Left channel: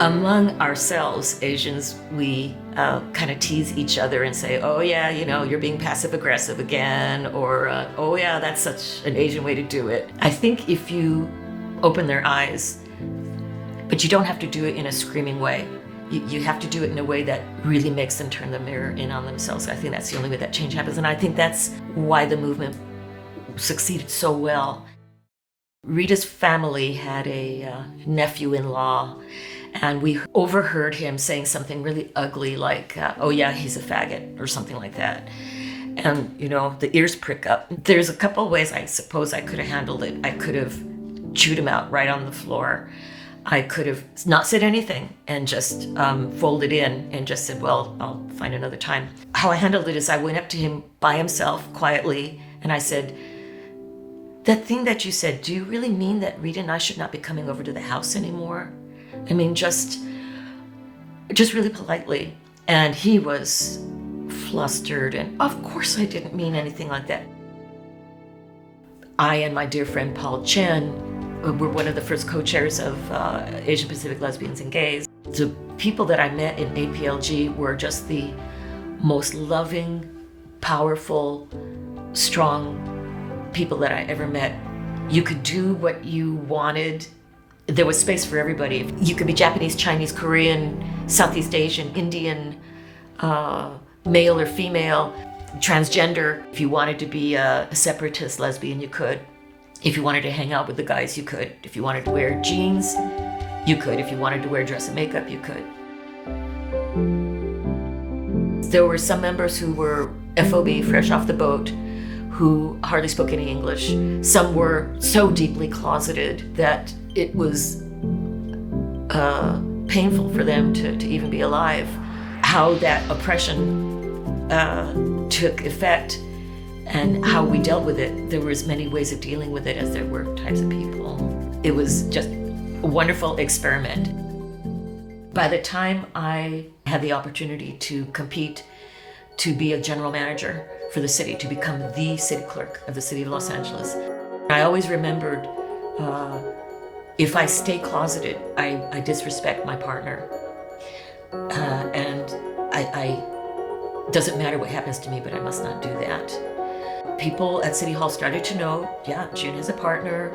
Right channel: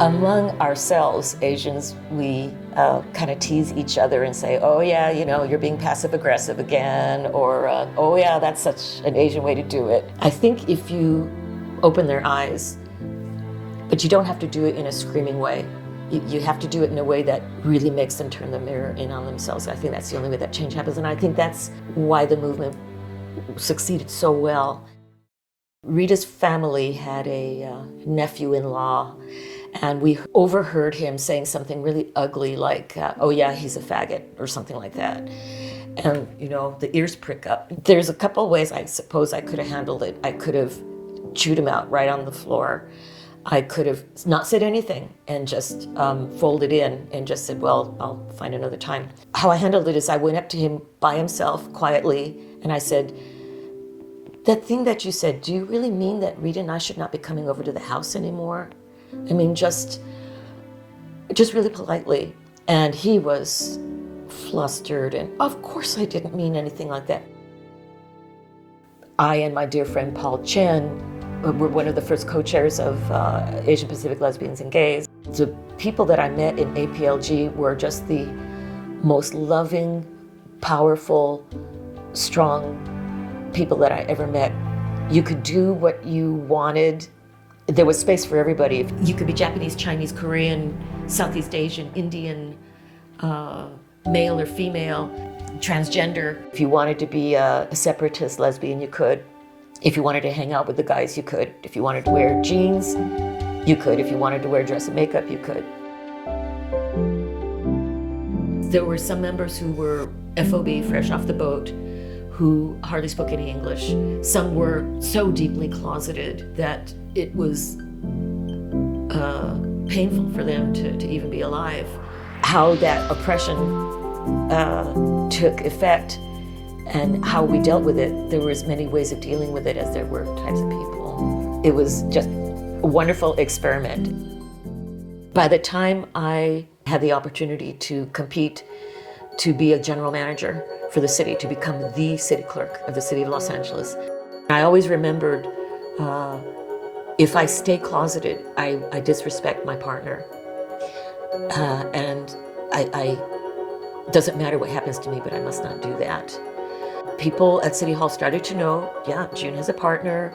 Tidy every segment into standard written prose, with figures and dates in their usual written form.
Among ourselves, Asians, we kind of tease each other and say, oh yeah, you're being passive aggressive again, or oh yeah, that's such an Asian way to do it. I think if you open their eyes, but you don't have to do it in a screaming way. You have to do it in a way that really makes them turn the mirror in on themselves. I think that's the only way that change happens, and I think that's why the movement succeeded so well. Rita's family had a nephew-in-law, and we overheard him saying something really ugly like, oh yeah, he's a faggot, or something like that. And, the ears prick up. There's a couple of ways I suppose I could have handled it. I could have chewed him out right on the floor. I could have not said anything and just folded in and just said, well, I'll find another time. How I handled it is I went up to him by himself quietly, and I said, that thing that you said, do you really mean that Rita and I should not be coming over to the house anymore? I mean, just really politely. And he was flustered, and of course I didn't mean anything like that. I and my dear friend Paul Chen were one of the first co-chairs of Asian Pacific Lesbians and Gays. The people that I met in APLG were just the most loving, powerful, strong people that I ever met. You could do what you wanted. There was space for everybody. You could be Japanese, Chinese, Korean, Southeast Asian, Indian, male or female, transgender. If you wanted to be a separatist lesbian, you could. If you wanted to hang out with the guys, you could. If you wanted to wear jeans, you could. If you wanted to wear dress and makeup, you could. There were some members who were FOB, fresh off the boat, who hardly spoke any English. Some were so deeply closeted that it was painful for them to even be alive. How that oppression took effect and how we dealt with it, there were as many ways of dealing with it as there were types of people. It was just a wonderful experiment. By the time I had the opportunity to compete to be a general manager for the city, to become the city clerk of the city of Los Angeles, I always remembered, if I stay closeted, I disrespect my partner. And I doesn't matter what happens to me, but I must not do that. People at City Hall started to know, yeah, June has a partner,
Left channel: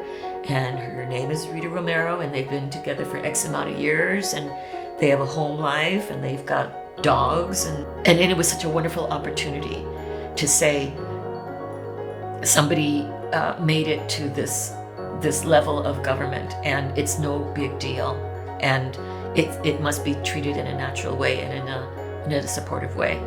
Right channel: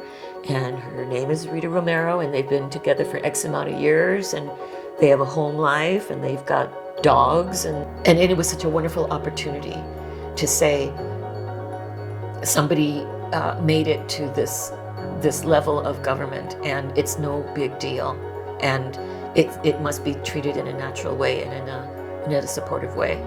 and her name is Rita Romero, and they've been together for X amount of years, and they have a home life, and they've got dogs, and it was such a wonderful opportunity to say somebody made it to this level of government, and it's no big deal, and it must be treated in a natural way and in a supportive way.